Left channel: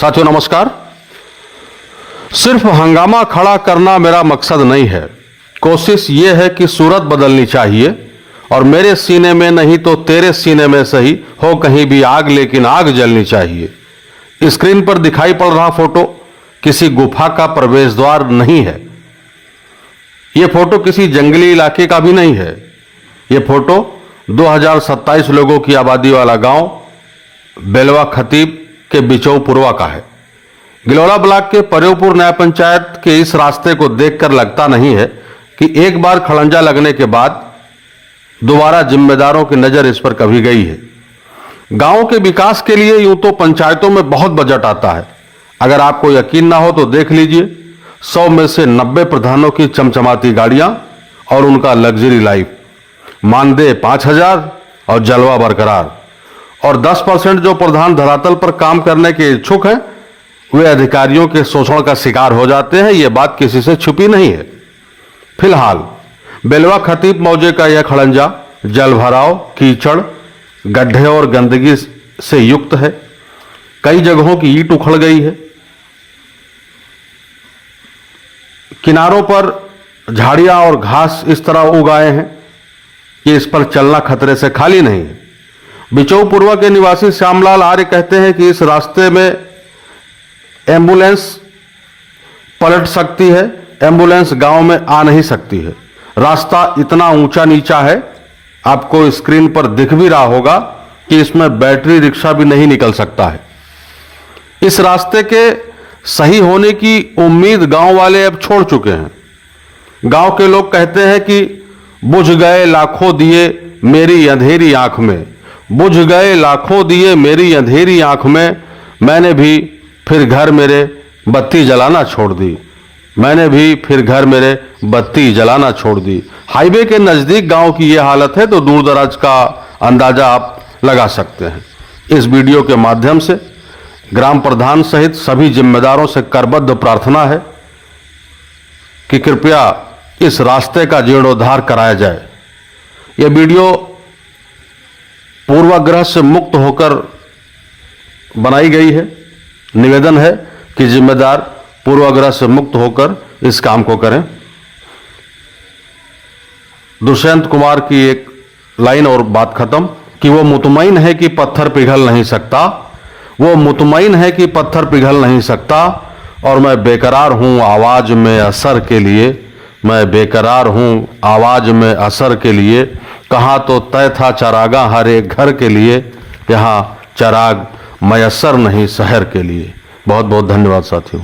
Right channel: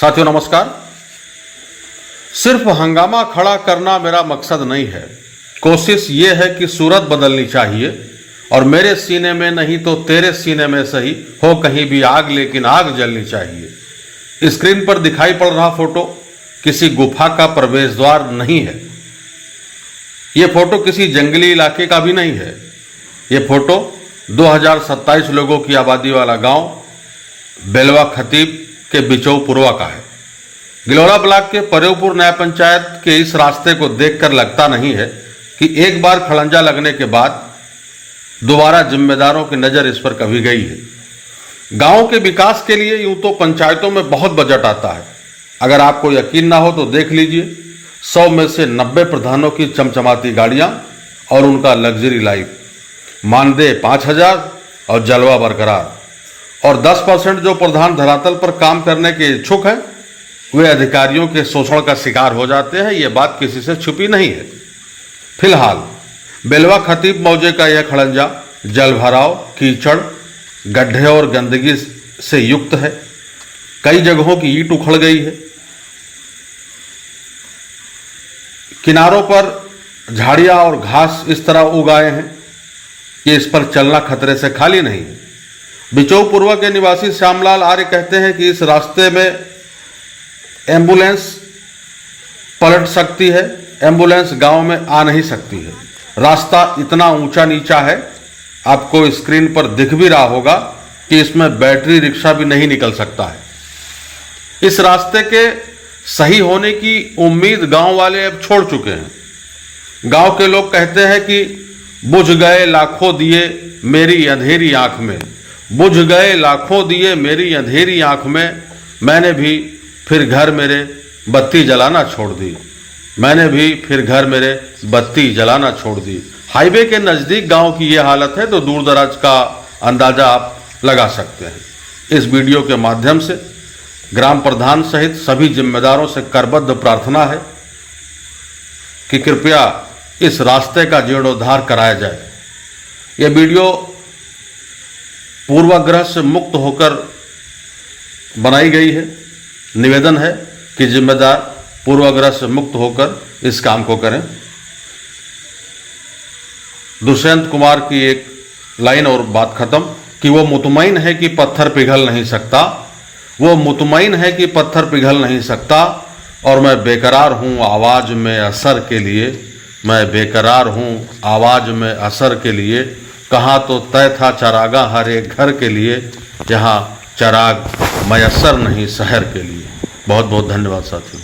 साथियों नमस्कार। सिर्फ हंगामा खड़ा करना मेरा मकसद नहीं है। कोशिश ये है कि सूरत बदलनी चाहिए और मेरे सीने में नहीं तो तेरे सीने में सही हो कहीं भी आग, लेकिन आग जलनी चाहिए। स्क्रीन पर दिखाई पड़ रहा फोटो किसी गुफा का प्रवेश द्वार नहीं है। यह फोटो किसी जंगली इलाके का भी नहीं है। यह फोटो 2027 लोगों की आबादी वाला गांव बेलवा खतीब के बिचौपुरवा का है। गिलौरा ब्लॉक के परेवपुर न्याय पंचायत के इस रास्ते को देखकर लगता नहीं है कि एक बार खड़ंजा लगने के बाद दोबारा जिम्मेदारों की नजर इस पर कभी गई है। गांव के विकास के लिए यूं तो पंचायतों में बहुत बजट आता है। अगर आपको यकीन ना हो तो देख लीजिए, 100 में से 90 प्रधानों की चमचमाती गाड़ियां और उनका लग्जरी लाइफ, मानदेय 5,000 और जलवा बरकरार। और 10% जो प्रधान धरातल पर काम करने के इच्छुक हैं वे अधिकारियों के शोषण का शिकार हो जाते हैं। ये बात किसी से छुपी नहीं है। फिलहाल बेलवा खतीब मौजे का यह खड़ंजा जलभराव, कीचड़, गड्ढे और गंदगी से युक्त है। कई जगहों की ईंट उखड़ गई है। किनारों पर झाड़ियां और घास इस तरह उग आए हैं कि इस पर चलना खतरे से खाली नहीं है। बिचौपुरवा के निवासी श्यामलाल आर्य कहते हैं कि इस रास्ते में एम्बुलेंस पलट सकती है, एम्बुलेंस गांव में आ नहीं सकती है। रास्ता इतना ऊंचा नीचा है, आपको स्क्रीन पर दिख भी रहा होगा कि इसमें बैटरी रिक्शा भी नहीं निकल सकता है। इस रास्ते के सही होने की उम्मीद गांव वाले अब छोड़ चुके हैं। गांव के लोग कहते हैं कि बुझ गए लाखों दिए मेरी अंधेरी आंख में, बुझ गए लाखों दिए मेरी अंधेरी आंख में, मैंने भी फिर घर मेरे बत्ती जलाना छोड़ दी, मैंने भी फिर घर मेरे बत्ती जलाना छोड़ दी। हाईवे के नजदीक गांव की यह हालत है तो दूर दराज का अंदाजा आप लगा सकते हैं। इस वीडियो के माध्यम से ग्राम प्रधान सहित सभी जिम्मेदारों से करबद्ध प्रार्थना है कि कृपया इस रास्ते का जीर्णोद्धार कराया जाए। यह वीडियो पूर्वाग्रह से मुक्त होकर बनाई गई है। निवेदन है कि जिम्मेदार पूर्वाग्रह से मुक्त होकर इस काम को करें। दुष्यंत कुमार की एक लाइन और बात खत्म कि वो मुतमईन है कि पत्थर पिघल नहीं सकता, वो मुतमईन है कि पत्थर पिघल नहीं सकता, और मैं बेकरार हूं आवाज में असर के लिए, मैं बेकरार हूं आवाज में असर के लिए। कहाँ तो तय था चरागा हर एक घर के लिए, यहाँ चराग मयसर नहीं शहर के लिए। बहुत बहुत धन्यवाद साथियों।